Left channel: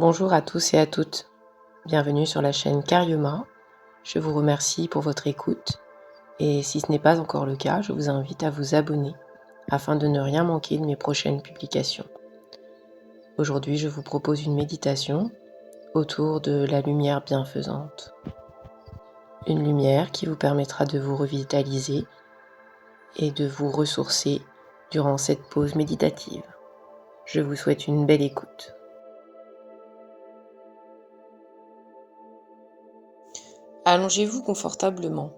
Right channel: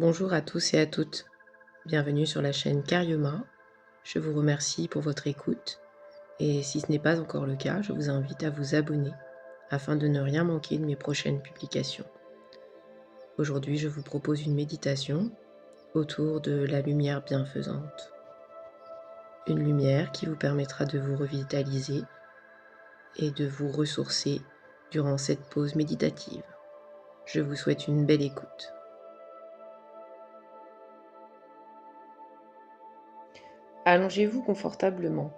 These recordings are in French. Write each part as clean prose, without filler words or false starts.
Bonjour à tous et à toutes, bienvenue sur la chaîne Carioma. Je vous remercie pour votre écoute et si ce n'est pas encore le cas, je vous invite à vous abonner afin de ne rien manquer de mes prochaines publications. Aujourd'hui, je vous propose une méditation autour de la lumière bienfaisante. Une lumière qui vous permettra de vous revitaliser et de vous ressourcer durant cette pause méditative. Je vous souhaite une belle écoute. Allongez-vous confortablement,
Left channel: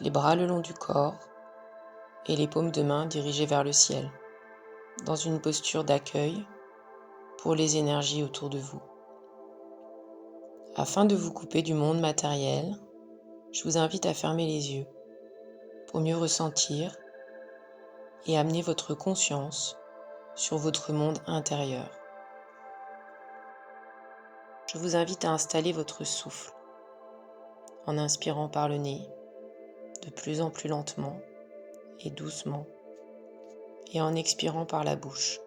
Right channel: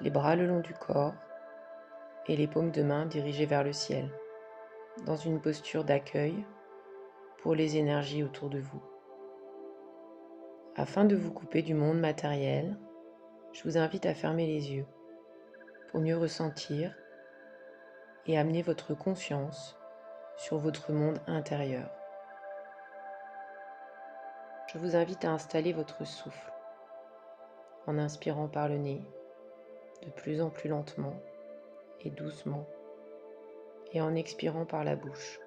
les bras le long du corps et les paumes de main dirigées vers le ciel, dans une posture d'accueil pour les énergies autour de vous. Afin de vous couper du monde matériel, je vous invite à fermer les yeux pour mieux ressentir et amener votre conscience sur votre monde intérieur. Je vous invite à installer votre souffle en inspirant par le nez de plus en plus lentement et doucement et en expirant par la bouche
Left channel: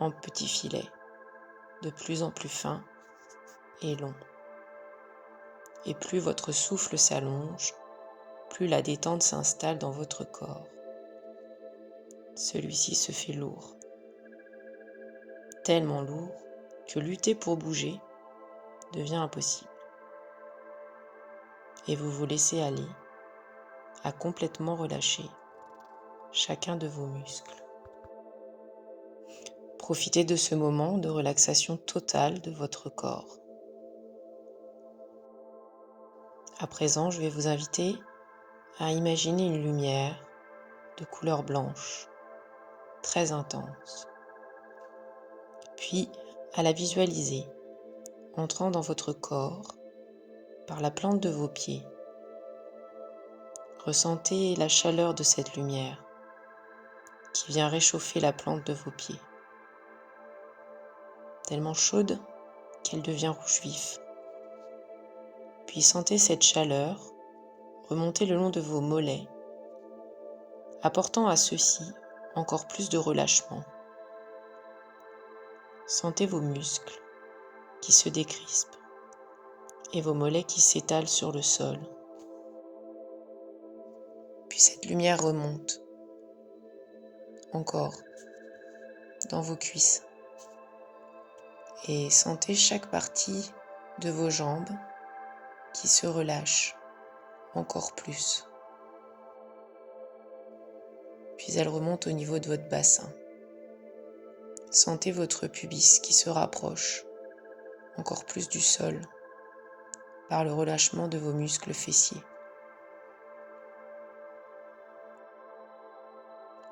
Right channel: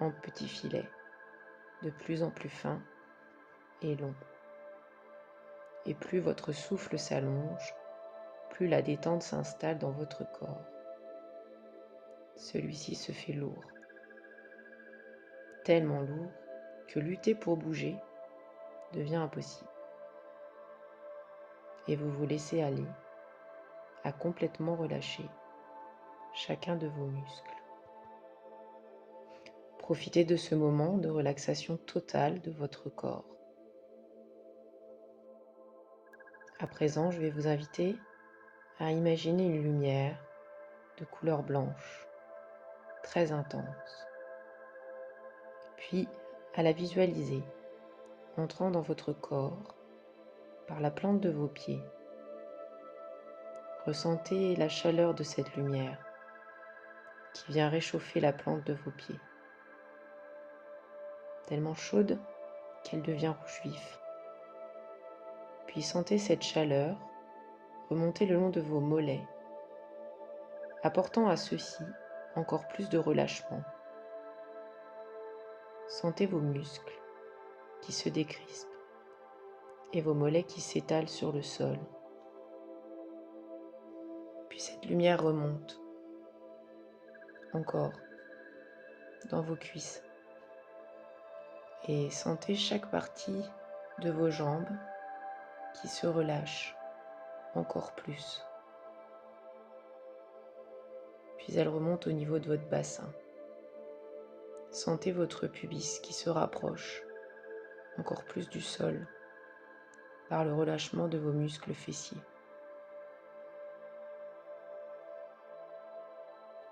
en petits filets de plus en plus fins et longs. Et plus votre souffle s'allonge, plus la détente s'installe dans votre corps. Celui-ci se fait lourd, tellement lourd que lutter pour bouger devient impossible. Et vous vous laissez aller à complètement relâcher chacun de vos muscles. Profitez de ce moment de relaxation totale de votre corps. À présent, je vais vous inviter à imaginer une lumière de couleur blanche, très intense, puis à la visualiser entrant dans votre corps par la plante de vos pieds. Ressentez la chaleur de cette lumière qui vient réchauffer la plante de vos pieds, tellement chaude qu'elle devient rouge vif. Puis sentez cette chaleur remonter le long de vos mollets, apportant à ceux-ci encore plus de relâchement. Sentez vos muscles qui se décrispent et vos mollets qui s'étalent sur le sol. Puis cette lumière remonte encore dans vos cuisses et sentez chaque partie de vos jambes qui se relâche encore plus. Puis elle remonte au niveau de votre bassin. Sentez votre pubis qui se rapproche encore plus du sol par le relâchement de vos muscles fessiers.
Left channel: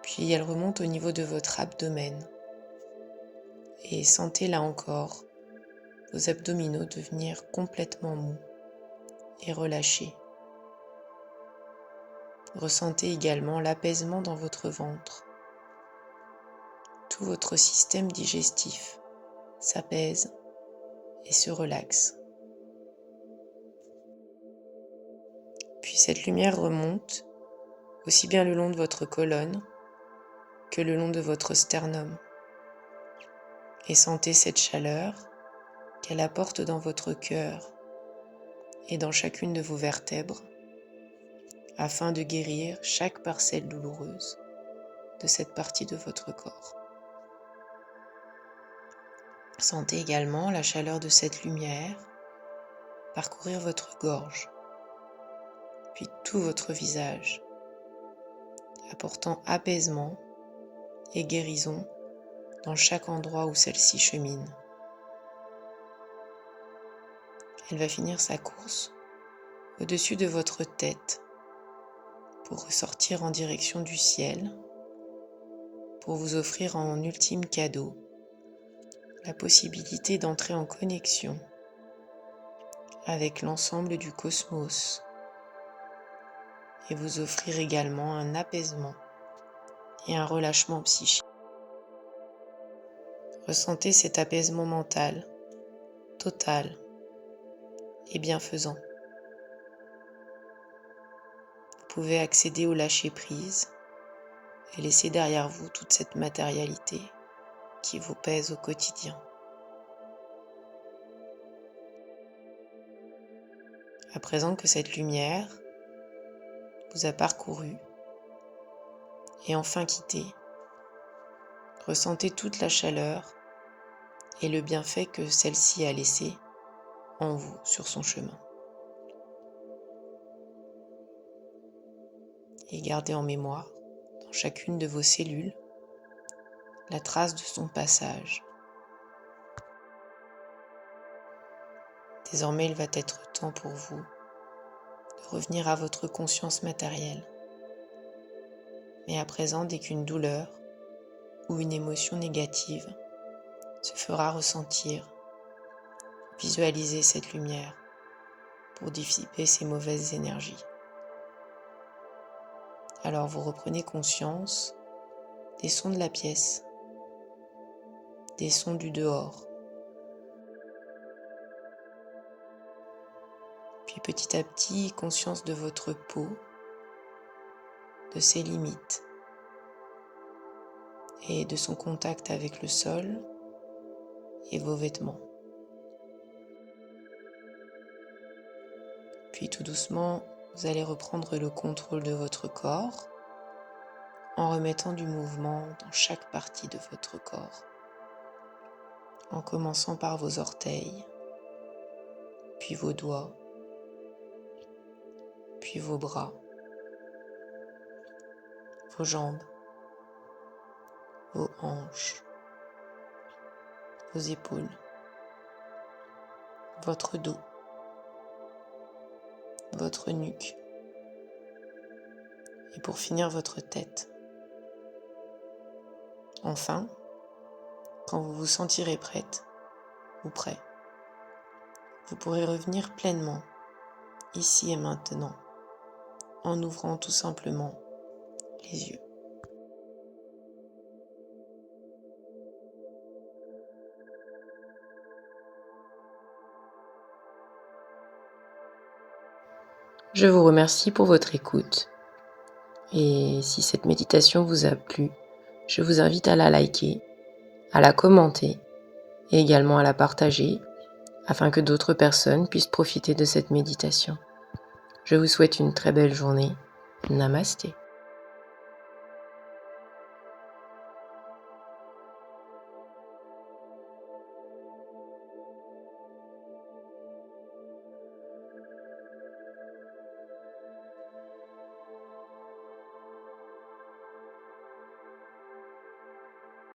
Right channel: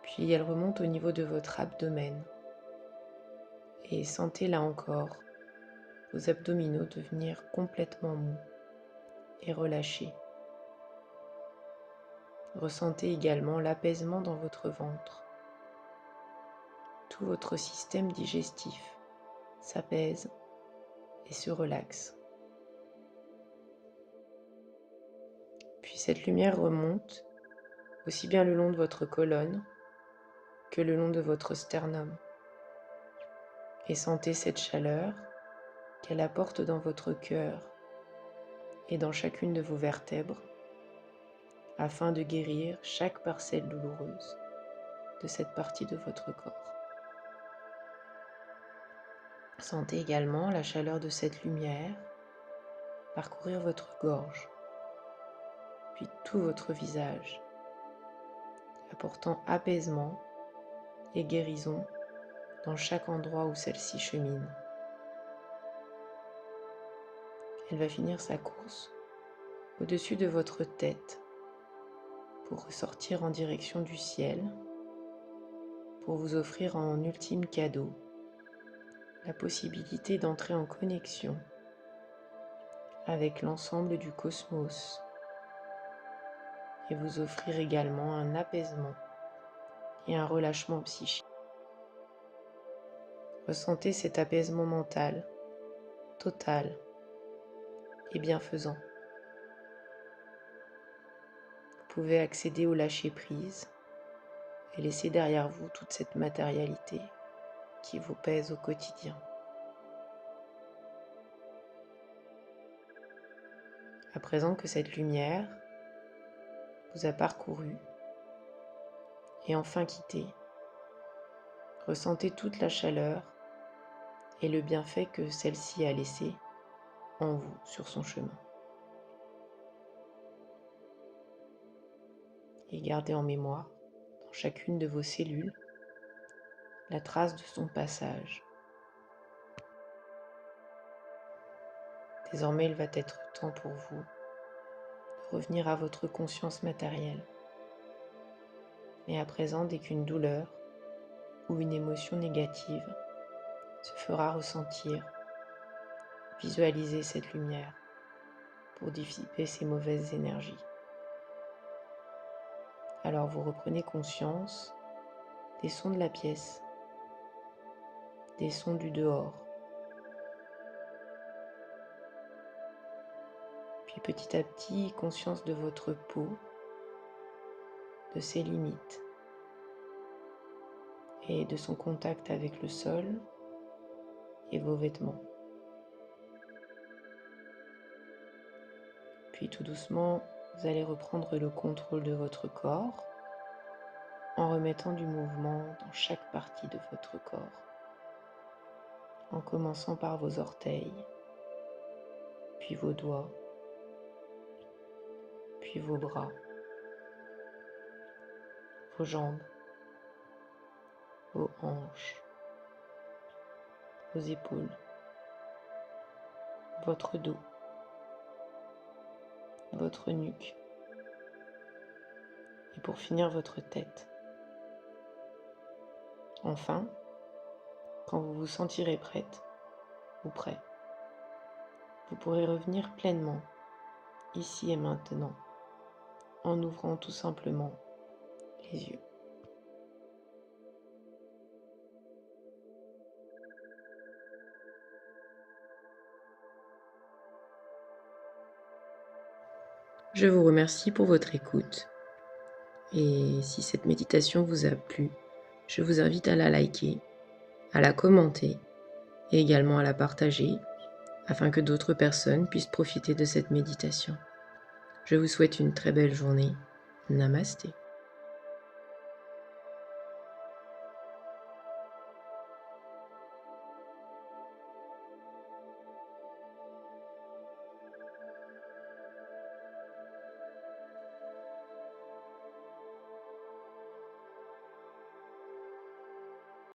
Puis elle remonte au niveau de votre abdomen et sentez là encore vos abdominaux devenir complètement mous et relâchés. Ressentez également l'apaisement dans votre ventre. Tout votre système digestif s'apaise et se relaxe. Puis cette lumière remonte aussi bien le long de votre colonne que le long de votre sternum. Et sentez cette chaleur qu'elle apporte dans votre cœur et dans chacune de vos vertèbres afin de guérir chaque parcelle douloureuse de cette partie de votre corps. Sentez également la chaleur de cette lumière parcourir votre gorge, puis tout votre visage, apportant apaisement et guérison dans chaque endroit où celle-ci chemine. Elle va finir sa course au-dessus de votre tête pour ressortir en direction du ciel, pour vous offrir en ultime cadeau la possibilité d'entrer en connexion avec l'ensemble du cosmos et vous offrir également un apaisement et un relâchement psychique. Ressentez cet apaisement mental, total et bienfaisant. Vous pouvez accéder au lâcher-prise et laisser derrière vous toute cette matérialité qui vous pèse au quotidien. À présent que cette lumière vous a parcouru et enfin quitté, ressentez toute la chaleur et le bienfait que celle-ci a laissé en vous sur son chemin. Et gardez en mémoire, dans chacune de vos cellules, la trace de son passage. Désormais, il va être temps pour vous de revenir à votre conscience matérielle. Mais à présent, dès qu'une douleur ou une émotion négative se fera ressentir, visualisez cette lumière pour dissiper ces mauvaises énergies. Alors vous reprenez conscience des sons de la pièce, des sons du dehors. Puis petit à petit, conscience de votre peau, de ses limites et de son contact avec le sol et vos vêtements. Puis tout doucement, vous allez reprendre le contrôle de votre corps en remettant du mouvement dans chaque partie de votre corps, en commençant par vos orteils, puis vos doigts, puis vos bras, vos jambes, vos hanches, vos épaules, votre dos, votre nuque, et pour finir votre tête. Enfin, quand vous vous sentirez prête ou prêt, vous pourrez revenir pleinement, ici et maintenant, en ouvrant tout simplement les yeux. Je vous remercie pour votre écoute et si cette méditation vous a plu, je vous invite à la liker, à la commenter et également à la partager afin que d'autres personnes puissent profiter de cette méditation. Je vous souhaite une très belle journée. Namasté.